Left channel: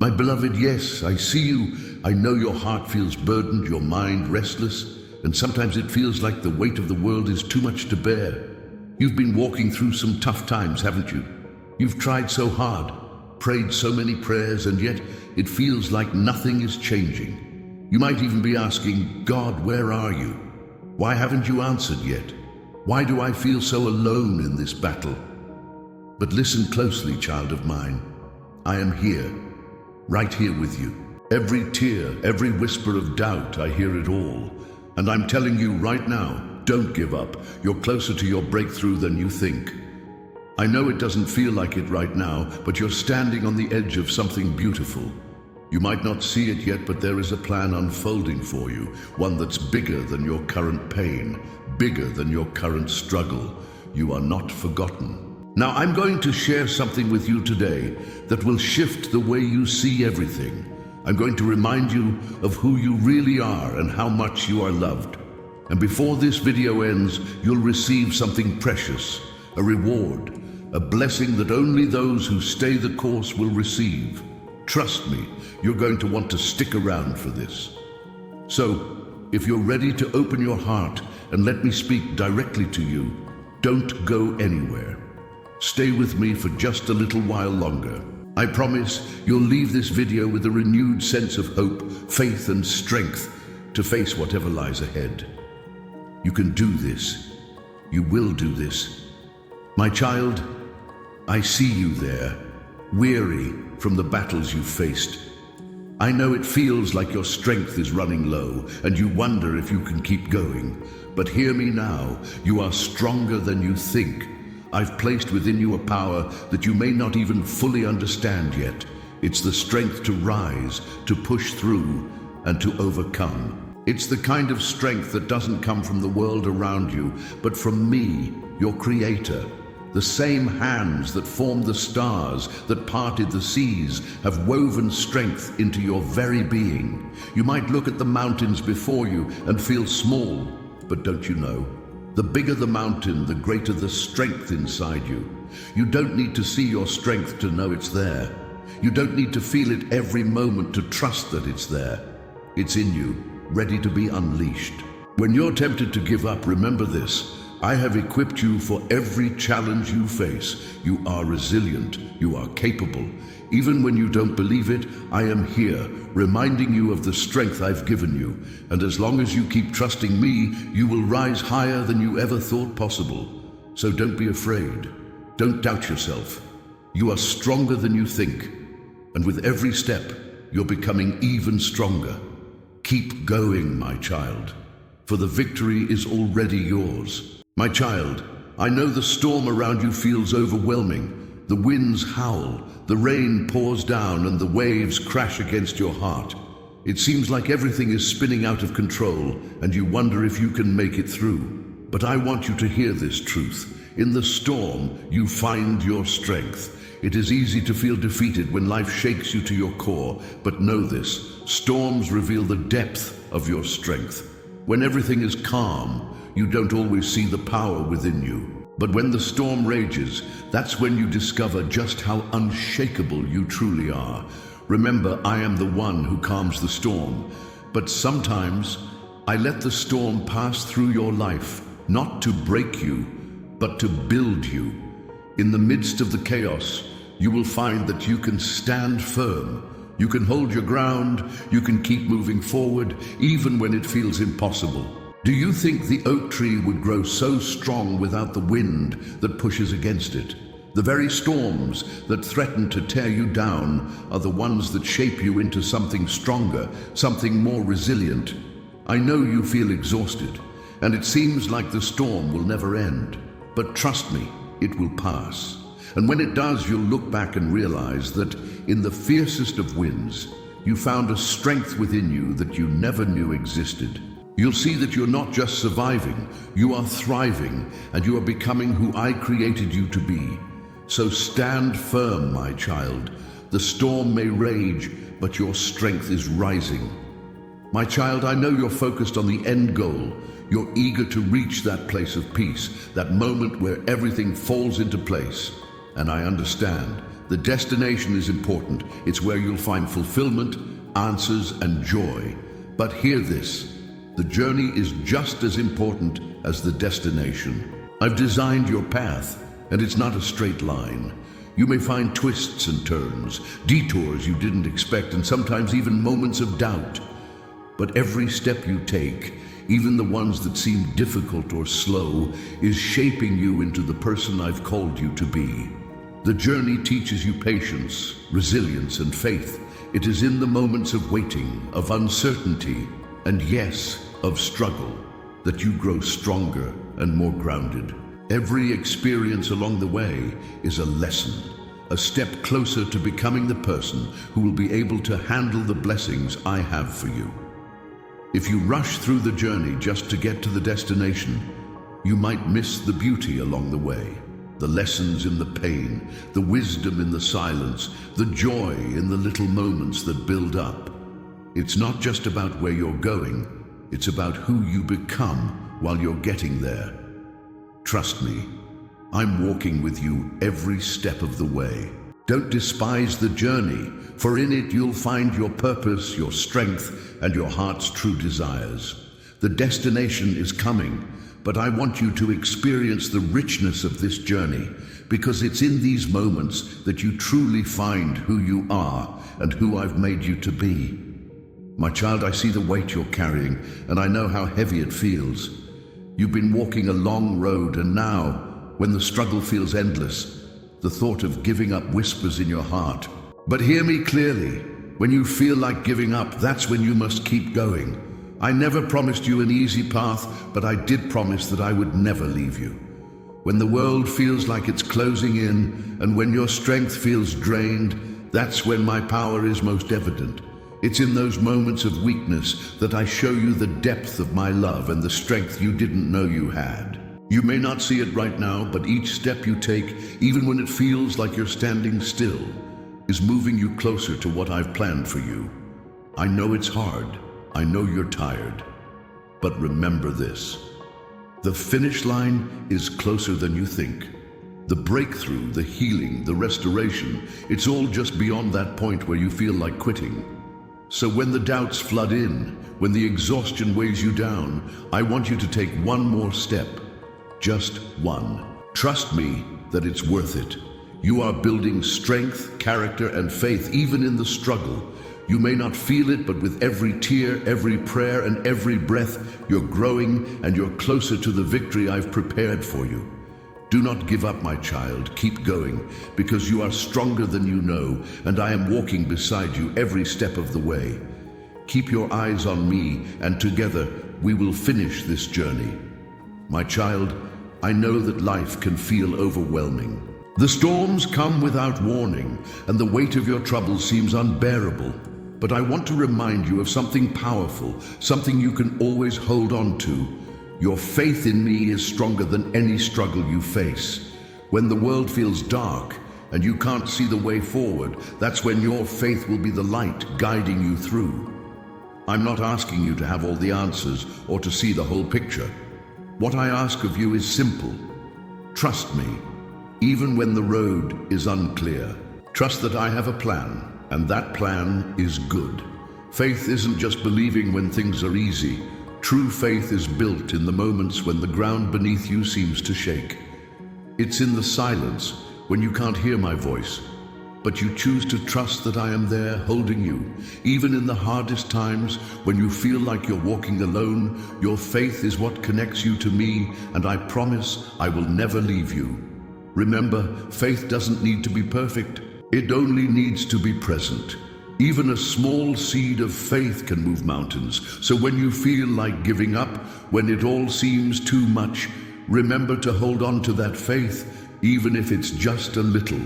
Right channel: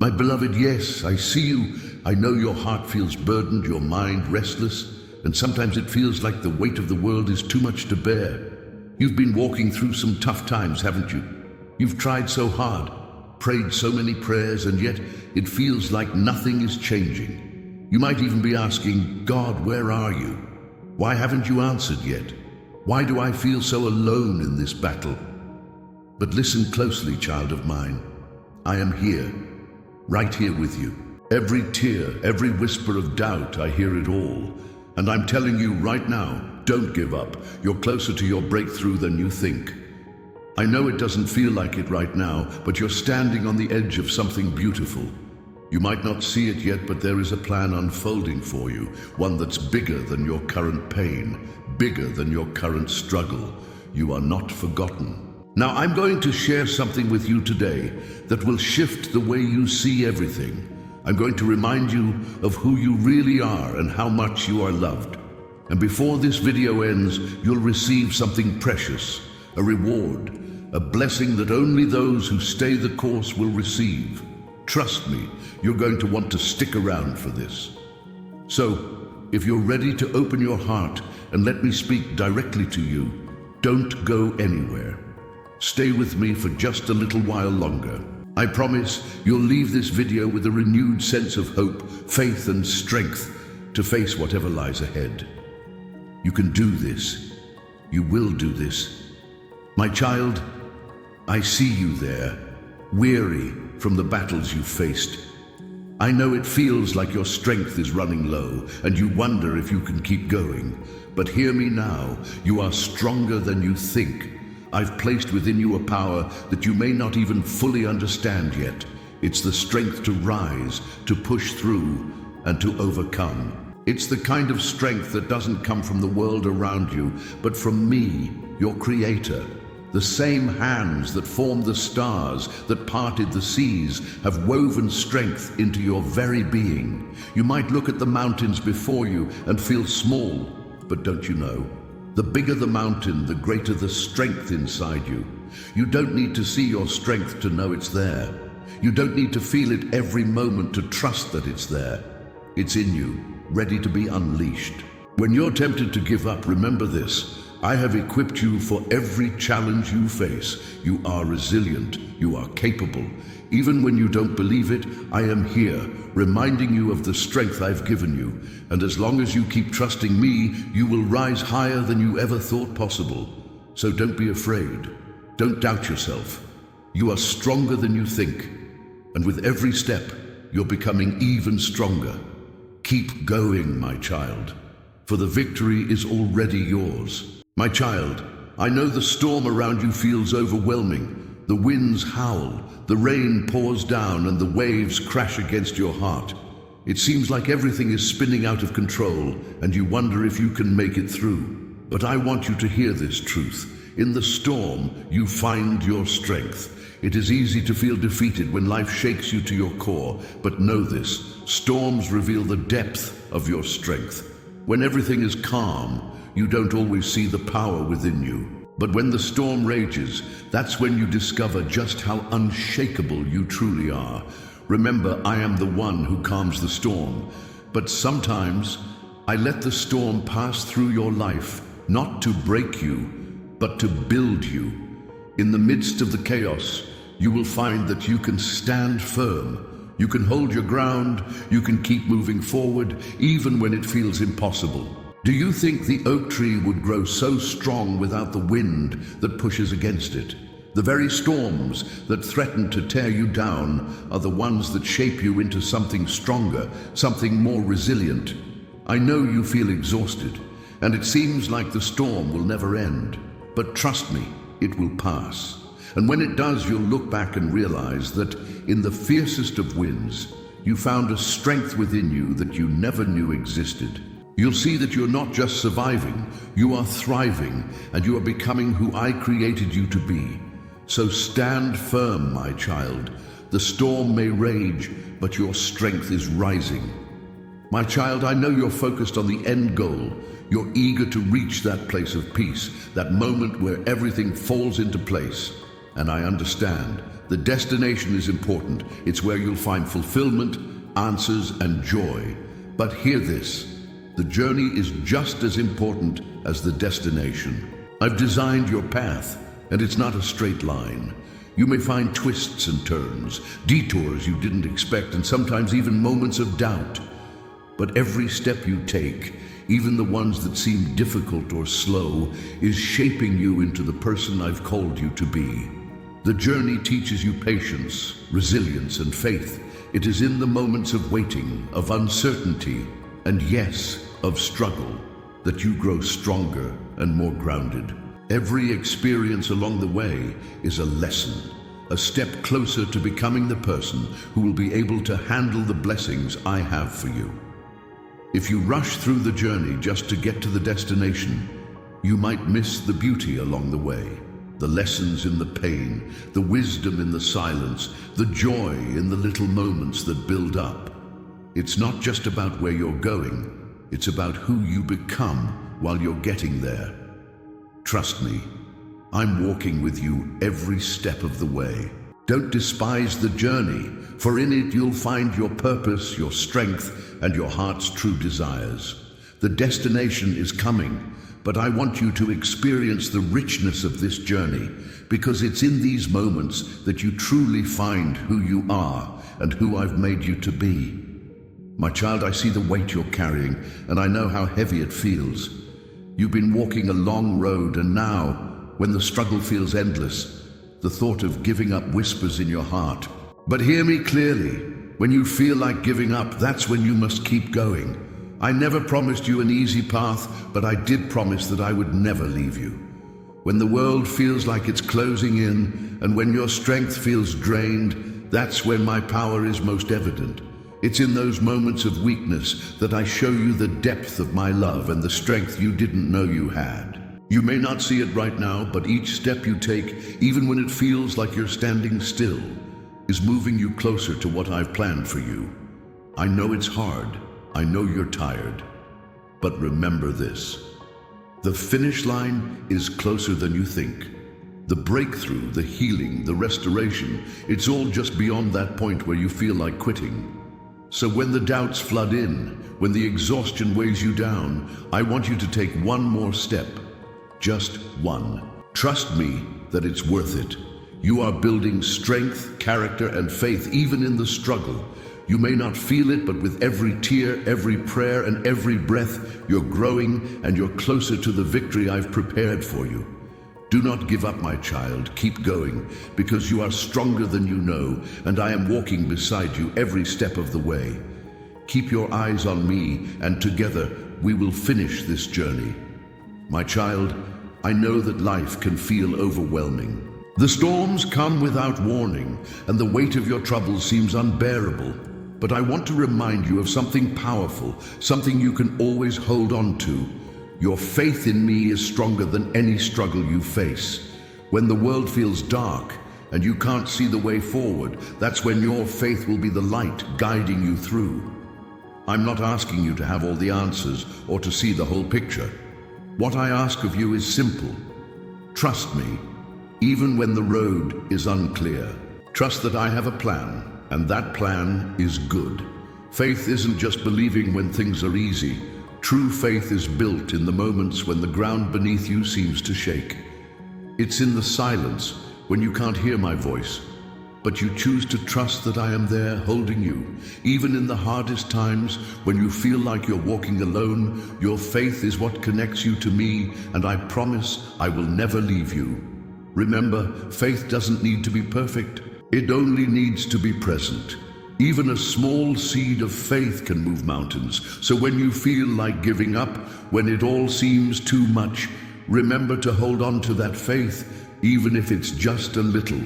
My beloved, yes, I see you. I know your heart feels burdened, your mind restless, and sometimes it feels like the weight of the world is too much to bear. You've been walking through some tough times, haven't you? You've tried so hard, prayed so many prayers, and yet it feels like nothing is changing. You might even be asking, God, where are you? Why haven't you answered yet? Why do I feel so alone in this battle? But listen closely, child of mine. I am here, right here with you. Every tear, every whisper of doubt, I hear it all. And I'm telling you right now, don't give up. You're closer to your breakthrough than you think. I know it doesn't feel like it right now, but you're standing on the edge of something beautiful. You might not see it yet, but there is a plan unfolding for you, one that's bigger than your current pain, bigger than your current struggle. You are not forgotten. Now, I'm going to share something with you today that will shift the way you see everything. I'm going to remind you of who you really are and how much you are loved. And before this video ends, you'll receive something precious, a reward, a blessing that only those who stay the course will receive. Trust me, you're going to want to stick around for this. So, if you're ready to open your heart and let me speak directly to you, don't go anywhere. Stay with me for just a little while longer. I promise you'll leave this video with a renewed sense of hope, faith, and strength to face whatever lies ahead. You can do this. You will do this. My child, I see you there, weary from the battles you've faced. I know it feels like your strength is running low and you wonder if you can keep going. But hear me now, you are stronger than you think. I've placed within you a power that you may not even fully understand yet. It's the strength to rise, to push through, and to overcome. It's the kind of strength that doesn't come from the world around you, but from me, your creator. The same hands that formed the stars, that parted the seas, have woven strength into your very being. You might look at the mountains before you and feel small, but don't you know? The bigger the mountain, the greater the strength inside you. You don't need to see your strength to know it's there. You don't need to feel it every moment to trust that it's there. It's in you, ready to be unleashed. When you're tempted to give up, remember this. I have equipped you for every challenge you face. You are resilient. You are capable. Even when you don't believe it, I am here, reminding you of the strength I've given you. And as long as you keep trusting me, you will rise higher than you ever thought possible. So don't be afraid. Don't doubt yourself. You are stronger than you think. And with every step, you're becoming even stronger. Keep going, my child, for the victory is already yours. My child, I know the storm around you feels overwhelming. The winds howl, the rain pours down, and the waves crash against your heart. It seems like everything is spinning out of control, and you wonder if you can make it through. But I want you to hear this truth. In the storm, you find your strength. It is easy to feel defeated when life shakes you to your core, but know this, storms reveal the depth of your strength. When everything is calm, you don't always see the power within you. But when the storm rages, that's when you discover just how unshakable you truly are. Remember, I am the one who calms the storm. But sometimes, I let the storm pass through your life, not to break you, but to build you. In the midst of the chaos, you will find that you can stand firm. You can hold your ground. You can keep moving forward, even when it feels impossible. Do you think the oak tree would grow so strong without the wind that pushes against it? The very storms that threaten to tear you down are the ones that shape you into something stronger, something more resilient. I know you feel exhausted, and it seems like the storm will never end. But trust me, it will pass. And when it does, you'll look back and realize that in the fiercest of winds, you found a strength within you that you never knew existed. You'll see that you're not just surviving, you are thriving, and you are becoming who I created you to be. So stand firm, my child. The storm may rage, but your strength is rising. My child, I know you're focused on the end goal. You're eager to reach that place of peace, that moment where everything falls into place. And I understand. The destination is important. It's where you'll find fulfillment, answers, and joy. But hear this. The journey is just as important as the destination. I've designed your path, and it's not a straight line. You may find twists and turns, detours you didn't expect, and sometimes even moments of doubt. But every step you take, even the ones that seem difficult or slow, is shaping you into the person I've called you to be. The journey teaches you patience, resilience, and faith. It is in the moments of waiting, of uncertainty, and yes, of struggle, that you grow stronger and more grounded. Every experience along the way is a lesson, a step closer to becoming the person who will be able to handle the blessings I have for you. If you rush through the journey just to get to the destination, you might miss the beauty along the way. The lessons in the pain, the wisdom in the silence, the joy in the little moments that build up. It's not just about where you're going, it's about who you become while you're getting there. Trust me, I'm walking with you every step of the way. Don't despise the journey, for in it you'll find your purpose, your strength, and your heart's true desires. The destination is coming, but I want you to experience the richness of this journey, because it's in these moments that you truly find who you are and who I've made you to be. My child, I see the weight you're carrying, and I know how heavy it feels. You've been walking a long road, and now, when the struggle feels endless, the thought of giving up whispers in your heart. But hear me clearly. When you feel like giving up, that's when you must keep going. I never promised you an easy path, but I did promise that I would never leave you. When the world feels like it's closing in, and when your strength feels drained, that's when my power is most evident. It's in those moments of weakness that I show you the depth of my love and the strength you didn't know you had. You may not see it right now, but each step you take, even when it feels like you're standing still, is moving you closer to what I've planned for you. I know it's hard. I know you're tired. But remember this. The finish line is closer than you think. The breakthrough, the healing, the restoration, it's all just beyond that point where you feel like quitting. So when the doubts flood in, when the exhaustion weighs you down, I want you to take one more step. Just one. Trust me that it's worth it. You are building strength, character, and faith even in the struggle. You may not feel it, but with every tear, every prayer, and every breath, you're growing and you're closer to the victory I've prepared for you. Do not give up, my child. Keep going, because you are stronger than you know, and I am walking beside you every step of the way. Keep your eyes on me, and together we will finish this journey. My child, I know that life can feel overwhelming. The storms come without warning, and the weight of your troubles seems unbearable. But I want to remind you of something powerful, something you can always hold on to. Your faith in me is stronger than any struggle you face. When the world feels dark and you can't see the way forward, that's when your faith will be the light guiding you through. I'm not asking you to have all the answers or to see the whole picture. What I ask of you is simple. Trust me, even when the road is unclear. Trust that I have a plan, and that plan is good. Faith isn't just believing when things are easy. True faith is built in the moments when the ground beneath you seems to shake. It's in the silence, when you can't hear my voice, but you choose to trust that I am there holding you. Even in the hardest times, when you feel like you're walking alone, your faith is what connects you to me, and I promise I will never leave you. Remember, faith doesn't need to be perfect. It only needs to be present. Even a small seed of faith can move mountains. So when you feel like giving up, when it all seems too much, remember to hold on to that faith, even if it's just a little.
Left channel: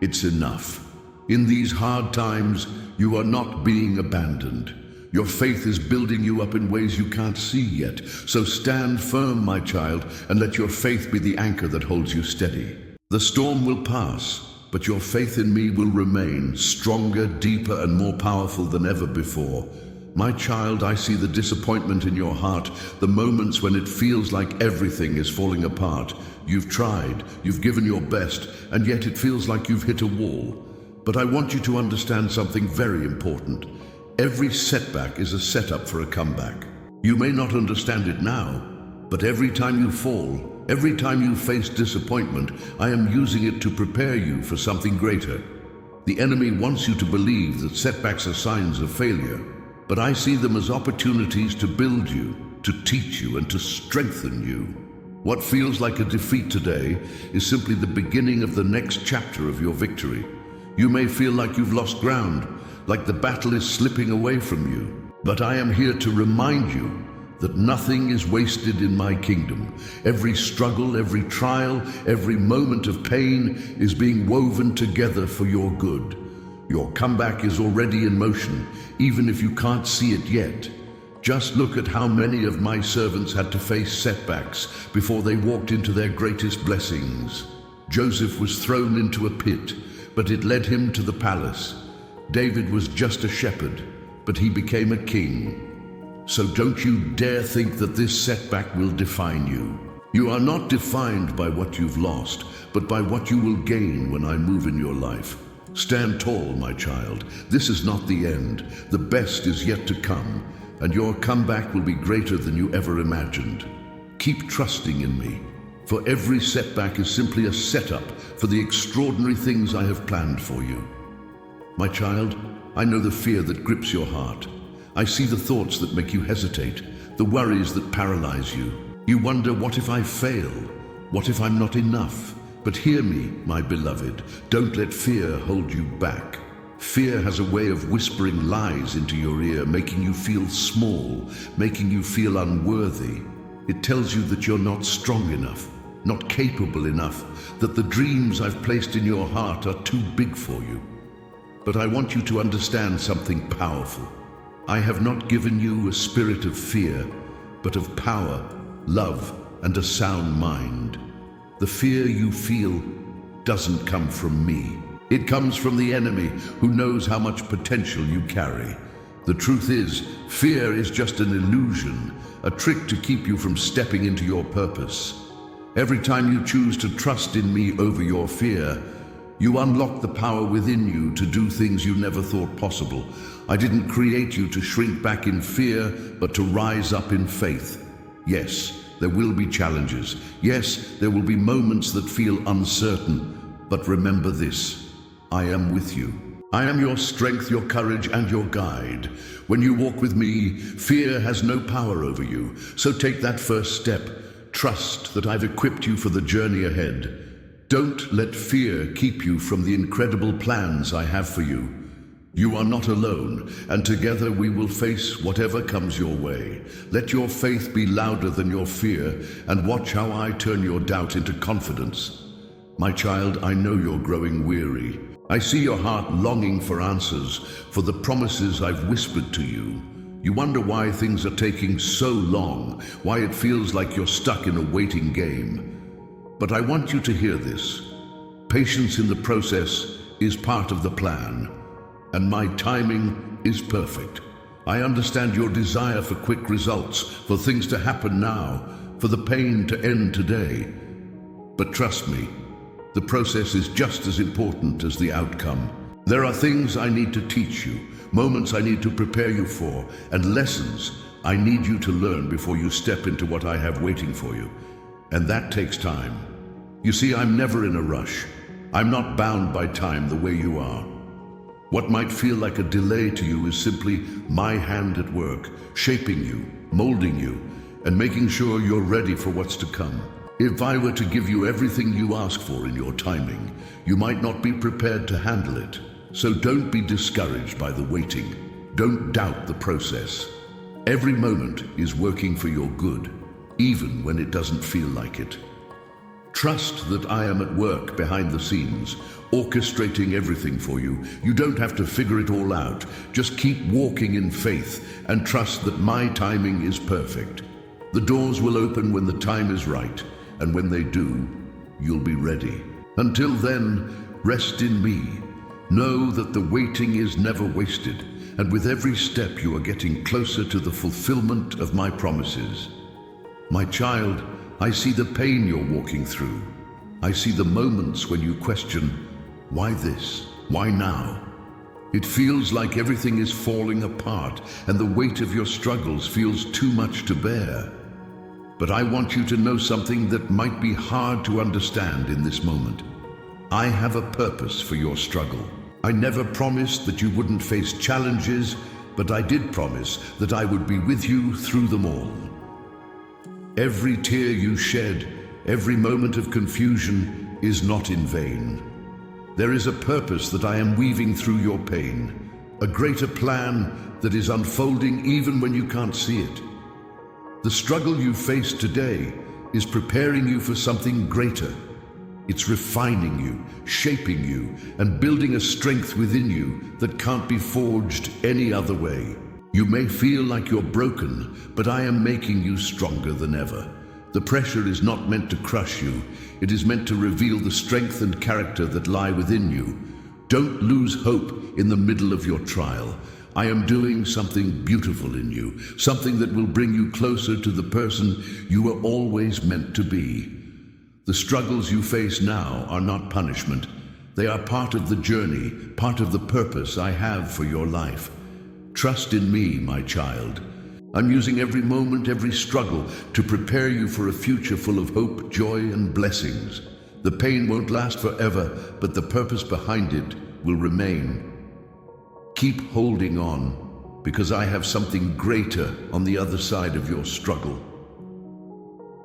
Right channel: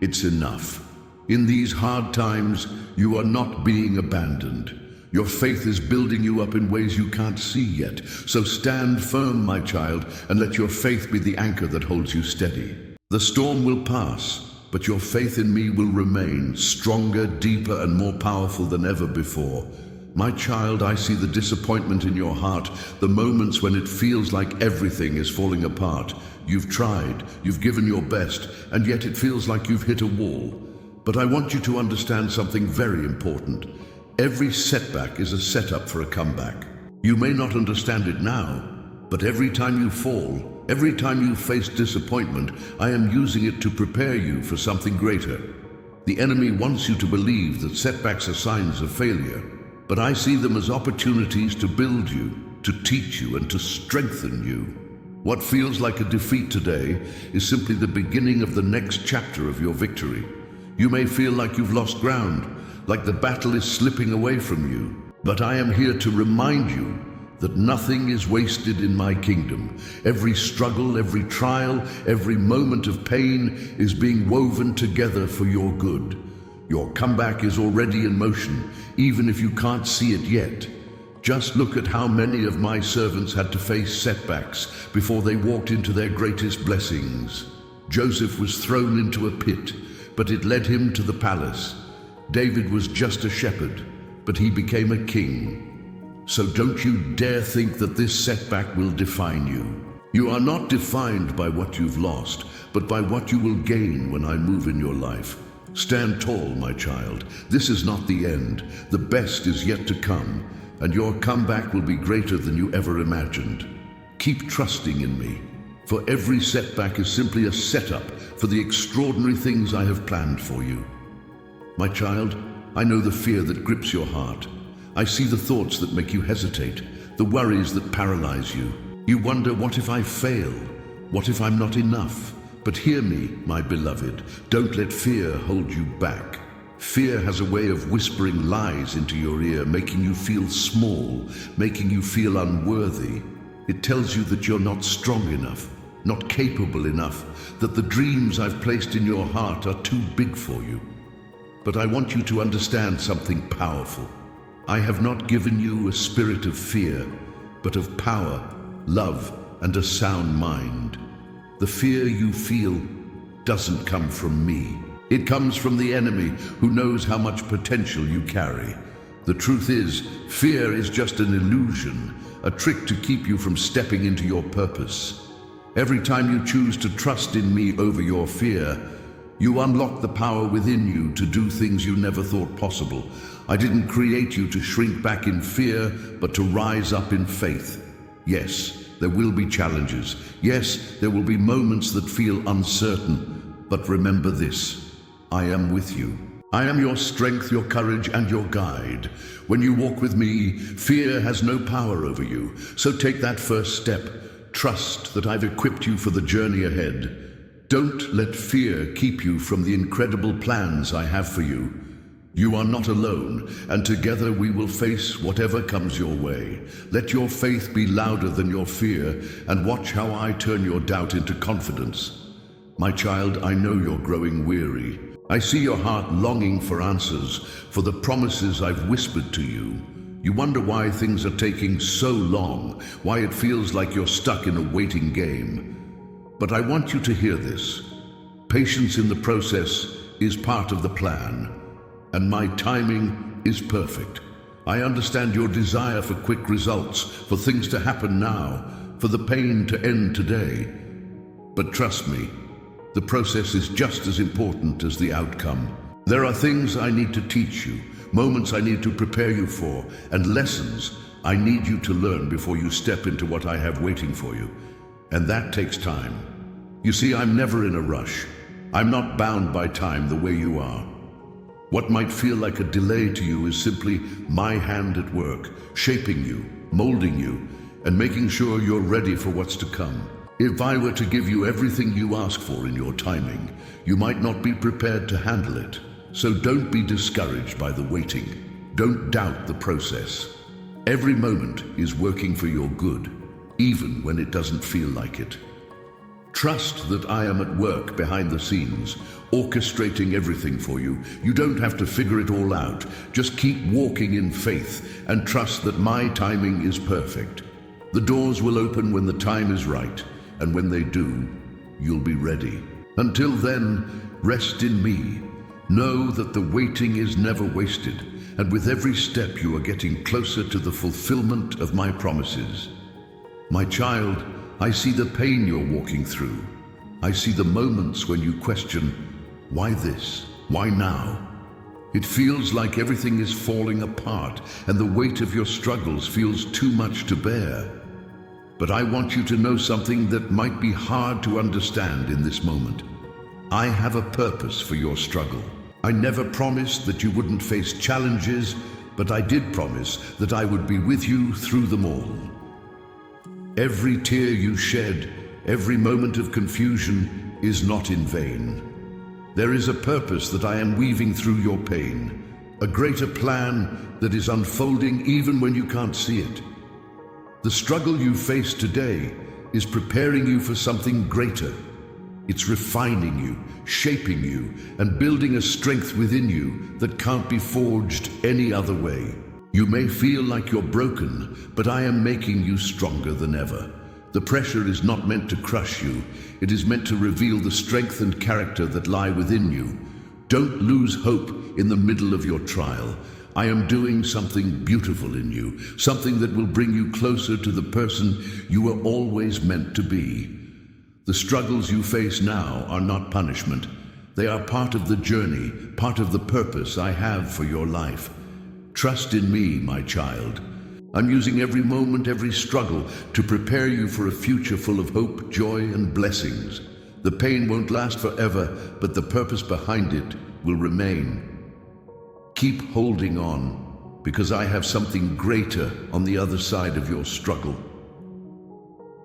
It's enough. In these hard times, you are not being abandoned. Your faith is building you up in ways you can't see yet. So stand firm, my child, and let your faith be the anchor that holds you steady. The storm will pass, but your faith in me will remain stronger, deeper, and more powerful than ever before. My child, I see the disappointment in your heart, the moments when it feels like everything is falling apart. You've tried, you've given your best, and yet it feels like you've hit a wall. But I want you to understand something very important. Every setback is a setup for a comeback. You may not understand it now, but every time you fall, every time you face disappointment, I am using it to prepare you for something greater. The enemy wants you to believe that setbacks are signs of failure, but I see them as opportunities to build you, to teach you, and to strengthen you. What feels like a defeat today is simply the beginning of the next chapter of your victory. You may feel like you've lost ground, like the battle is slipping away from you, but I am here to remind you that nothing is wasted in my kingdom. Every struggle, every trial, every moment of pain is being woven together for your good. Your comeback is already in motion, even if you can't see it yet. Just look at how many of my servants had to face setbacks before they walked into their greatest blessings. Joseph was thrown into a pit, but it led him to the palace. David was just a shepherd, but he became a king. So don't you dare think that this setback will define you. You are not defined by what you've lost, but by what you will gain when I move in your life. Stand tall, my child. This is not the end. The best is yet to come, and your comeback will be greater than you ever imagined. Keep trusting in me, for every setback is simply a setup for the extraordinary things I have planned for you. My child, I know the fear that grips your heart. I see the thoughts that make you hesitate, the worries that paralyze you. You wonder, what if I fail? What if I'm not enough? But hear me, my beloved, don't let fear hold you back. Fear has a way of whispering lies into your ear, making you feel small, making you feel unworthy. It tells you that you're not strong enough, not capable enough, that the dreams I've placed in your heart are too big for you. But I want you to understand something powerful. I have not given you a spirit of fear, but of power, love, and a sound mind. The fear you feel doesn't come from me. It comes from the enemy, who knows how much potential you carry. The truth is, fear is just an illusion, a trick to keep you from stepping into your purpose. Every time you choose to trust in me over your fear, you unlock the power within you to do things you never thought possible. I didn't create you to shrink back in fear, but to rise up in faith. Yes, there will be challenges. Yes, there will be moments that feel uncertain. But remember this, I am with you. I am your strength, your courage, and your guide. When you walk with me, fear has no power over you. So take that first step. Trust that I've equipped you for the journey ahead. Don't let fear keep you from the incredible plans I have for you. You are not alone, and together we will face whatever comes your way. Let your faith be louder than your fear, and watch how I turn your doubt into confidence. My child, I know you're growing weary. I see your heart longing for answers, for the promises I've whispered to you. You wonder why things are taking so long, why it feels like you're stuck in a waiting game. But I want you to hear this. Patience in the process is part of the plan, and my timing is perfect. I understand your desire for quick results, for things to happen now, for the pain to end today. But trust me, the process is just as important as the outcome. There are things I need to teach you, moments I need to prepare you for, and lessons I need you to learn before you step into what I have waiting for you. And that takes time. You see, I'm never in a rush. I'm not bound by time the way you are. What might feel like a delay to you is simply my hand at work, shaping you, molding you, and making sure you're ready for what's to come. If I were to give you everything you ask for in your timing, you might not be prepared to handle it. So don't be discouraged by the waiting. Don't doubt the process. Every moment is working for your good, even when it doesn't feel like it. Trust that I am at work behind the scenes, orchestrating everything for you. You don't have to figure it all out. Just keep walking in faith and trust that my timing is perfect. The doors will open when the time is right, and when they do, you'll be ready. Until then, rest in me. Know that the waiting is never wasted, and with every step you are getting closer to the fulfillment of my promises. My child, I see the pain you're walking through. I see the moments when you question, why this? Why now? It feels like everything is falling apart and the weight of your struggles feels too much to bear. But I want you to know something that might be hard to understand in this moment. I have a purpose for your struggle. I never promised that you wouldn't face challenges, but I did promise that I would be with you through them all. Every tear you shed, every moment of confusion is not in vain. There is a purpose that I am weaving through your pain, a greater plan that is unfolding even when you can't see it. The struggle you face today is preparing you for something greater. It's refining you, shaping you, and building a strength within you that can't be forged any other way. You may feel like you're broken, but I am making you stronger than ever. The pressure is not meant to crush you. It is meant to reveal the strength and character that lie within you. Don't lose hope in the middle of your trial. I am doing something beautiful in you, something that will bring you closer to the person you were always meant to be. The struggles you face now are not punishment. They are part of the journey, part of the purpose I have for your life. Trust in me, my child. I'm using every moment, every struggle to prepare you for a future full of hope, joy, and blessings. The pain won't last forever, but the purpose behind it will remain. Keep holding on, because I have something greater on the other side of your struggle.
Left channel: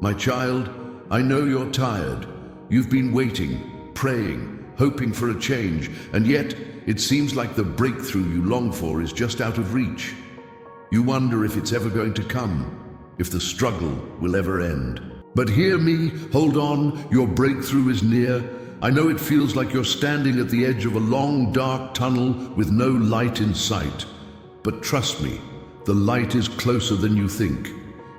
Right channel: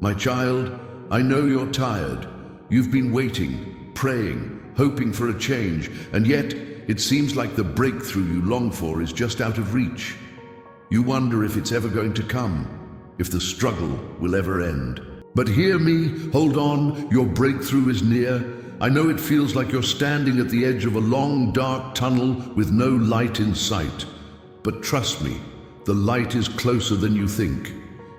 My child, I know you're tired. You've been waiting, praying, hoping for a change, and yet it seems like the breakthrough you long for is just out of reach. You wonder if it's ever going to come, if the struggle will ever end. But hear me, hold on, your breakthrough is near. I know it feels like you're standing at the edge of a long, dark tunnel with no light in sight. But trust me, the light is closer than you think.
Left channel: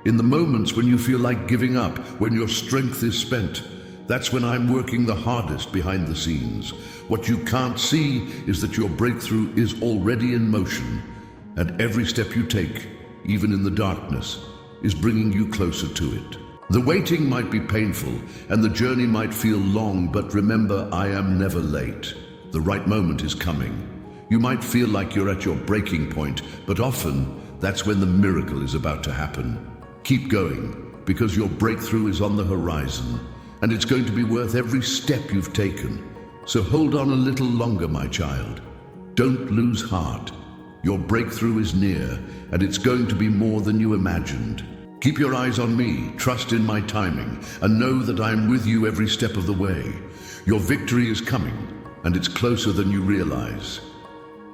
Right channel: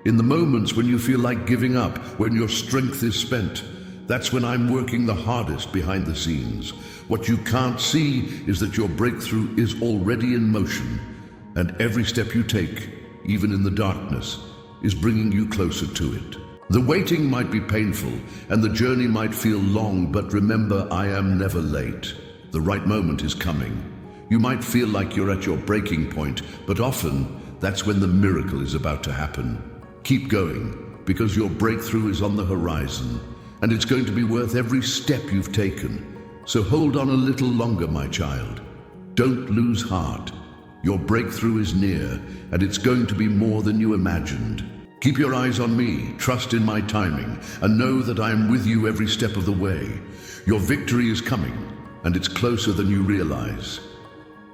In the moments when you feel like giving up, when your strength is spent, that's when I'm working the hardest behind the scenes. What you can't see is that your breakthrough is already in motion. And every step you take, even in the darkness, is bringing you closer to it. The waiting might be painful, and the journey might feel long, but remember, I am never late. The right moment is coming. You might feel like you're at your breaking point, but often, that's when the miracle is about to happen. Keep going, because your breakthrough is on the horizon, and it's going to be worth every step you've taken. So hold on a little longer, my child. Don't lose heart. Your breakthrough is near, and it's going to be more than you imagined. Keep your eyes on me, trust in my timing, and know that I am with you every step of the way. Your victory is coming, and it's closer than you realize.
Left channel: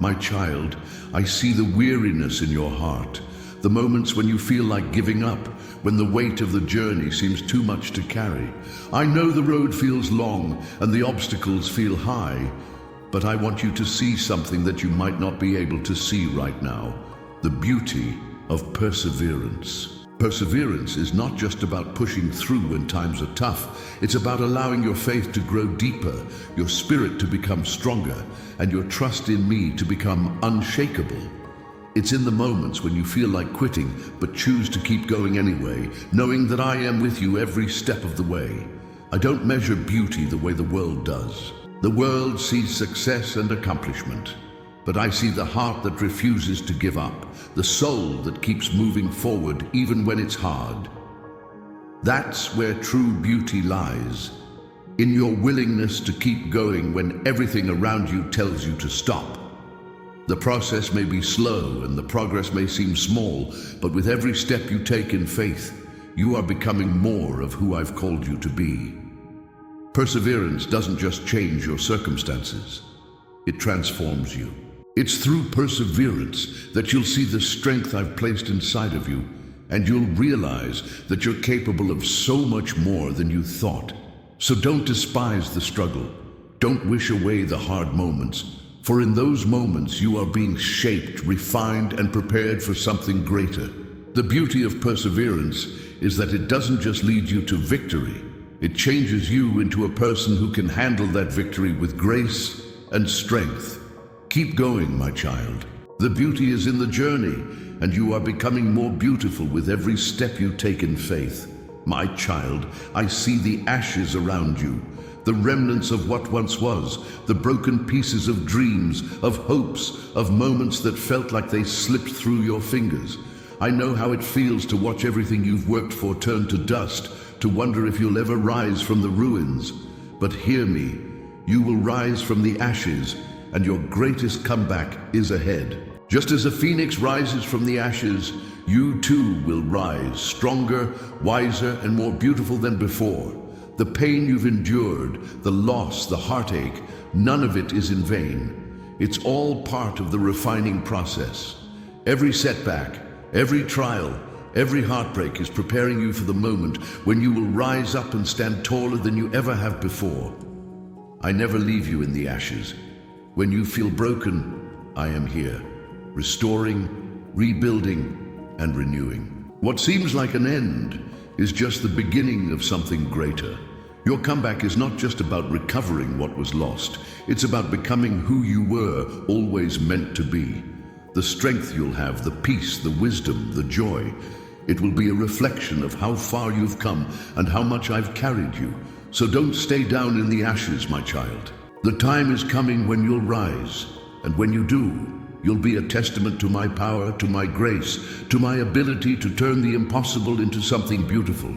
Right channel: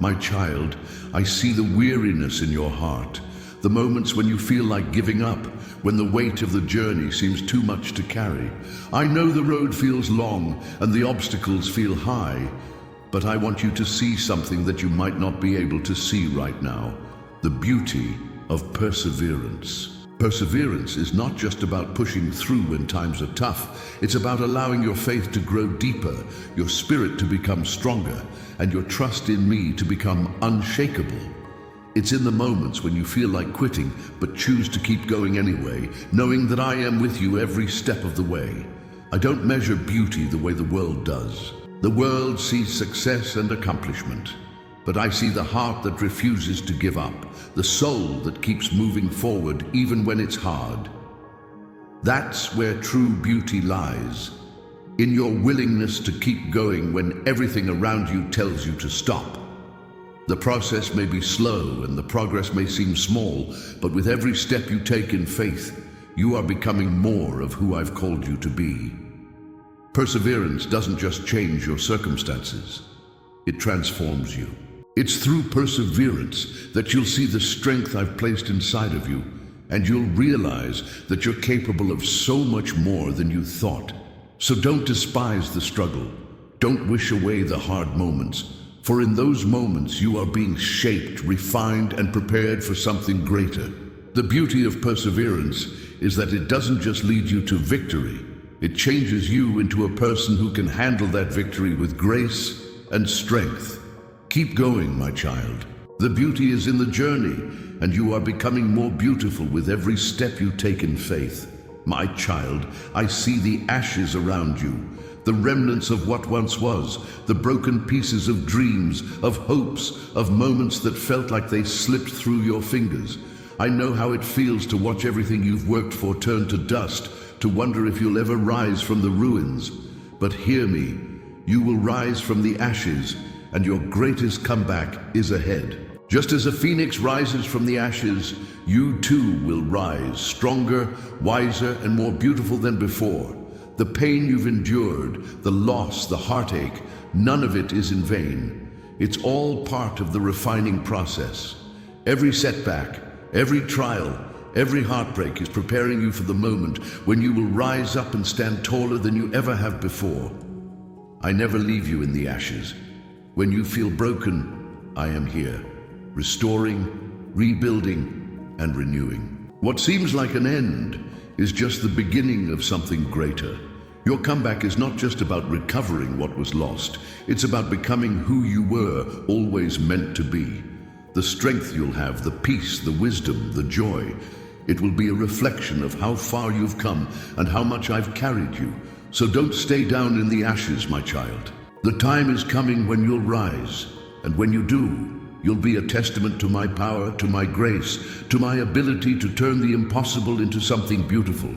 My child, I see the weariness in your heart, the moments when you feel like giving up, when the weight of the journey seems too much to carry. I know the road feels long, and the obstacles feel high, but I want you to see something that you might not be able to see right now: the beauty of perseverance. Perseverance is not just about pushing through when times are tough. It's about allowing your faith to grow deeper, your spirit to become stronger, and your trust in me to become unshakable. It's in the moments when you feel like quitting, but choose to keep going anyway, knowing that I am with you every step of the way. I don't measure beauty the way the world does. The world sees success and accomplishment, but I see the heart that refuses to give up, the soul that keeps moving forward even when it's hard. That's where true beauty lies, in your willingness to keep going when everything around you tells you to stop. The process may be slow and the progress may seem small, but with every step you take in faith, you are becoming more of who I've called you to be. Perseverance doesn't just change your circumstances, it transforms you. It's through perseverance that you'll see the strength I've placed inside of you, and you'll realize that you're capable of so much more than you thought. So don't despise the struggle. Don't wish away the hard moments, for in those moments you are being shaped, refined, and prepared for something greater. The beauty of perseverance is that it doesn't just lead you to victory. It changes you into a person who can handle that victory with grace and strength. Keep going, my child. The beauty is in the journey, and you are becoming more beautiful with every step you take in faith. My child, I see the ashes around you, the remnants of what once was, the broken pieces of dreams, of hopes, of moments that felt like they slipped through your fingers. I know how it feels to watch everything you've worked for turn to dust, to wonder if you'll ever rise from the ruins. But hear me, you will rise from the ashes, and your greatest comeback is ahead. Just as a phoenix rises from the ashes, you too will rise, stronger, wiser, and more beautiful than before. The pain you've endured, the loss, the heartache, none of it is in vain. It's all part of the refining process. Every setback, every trial, every heartbreak is preparing you for the moment when you will rise up and stand taller than you ever have before. I never leave you in the ashes. When you feel broken, I am here, restoring, rebuilding, and renewing. What seems like an end is just the beginning of something greater. Your comeback is not just about recovering what was lost. It's about becoming who you were always meant to be. The strength you'll have, the peace, the wisdom, the joy. It will be a reflection of how far you've come and how much I've carried you. So don't stay down in the ashes, my child. The time is coming when you'll rise, and when you do, you'll be a testament to my power, to my grace, to my ability to turn the impossible into something beautiful.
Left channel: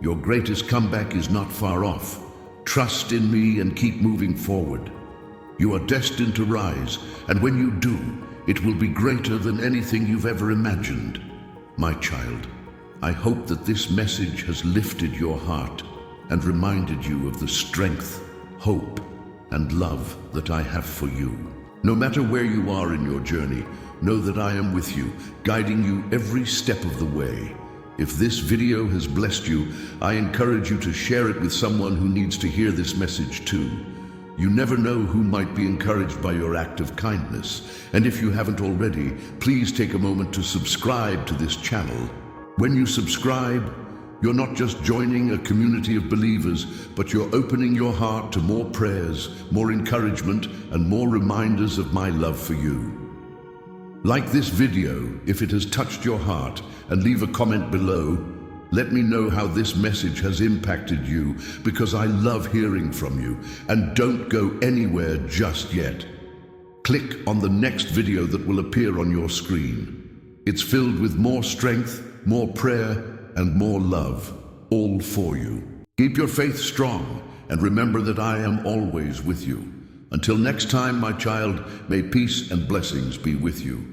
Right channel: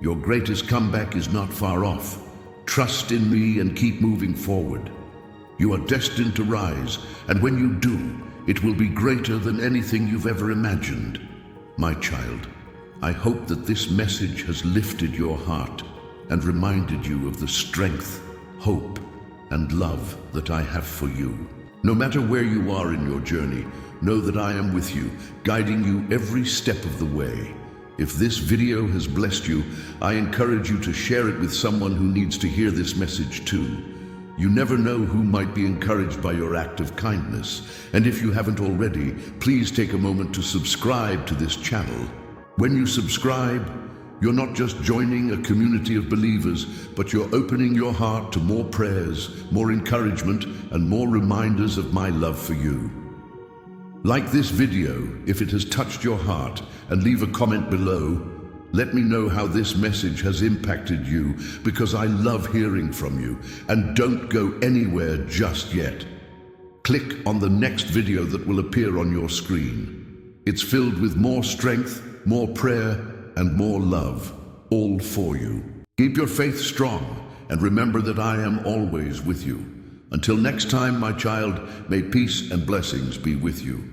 Your greatest comeback is not far off. Trust in me and keep moving forward. You are destined to rise, and when you do, it will be greater than anything you've ever imagined. My child, I hope that this message has lifted your heart and reminded you of the strength, hope, and love that I have for you. No matter where you are in your journey, know that I am with you, guiding you every step of the way. If this video has blessed you, I encourage you to share it with someone who needs to hear this message too. You never know who might be encouraged by your act of kindness. And if you haven't already, please take a moment to subscribe to this channel. When you subscribe, you're not just joining a community of believers, but you're opening your heart to more prayers, more encouragement, and more reminders of my love for you. Like this video if it has touched your heart, and leave a comment below. Let me know how this message has impacted you, because I love hearing from you. And don't go anywhere just yet. Click on the next video that will appear on your screen. It's filled with more strength, more prayer, and more love, all for you. Keep your faith strong, and remember that I am always with you. Until next time, my child, may peace and blessings be with you.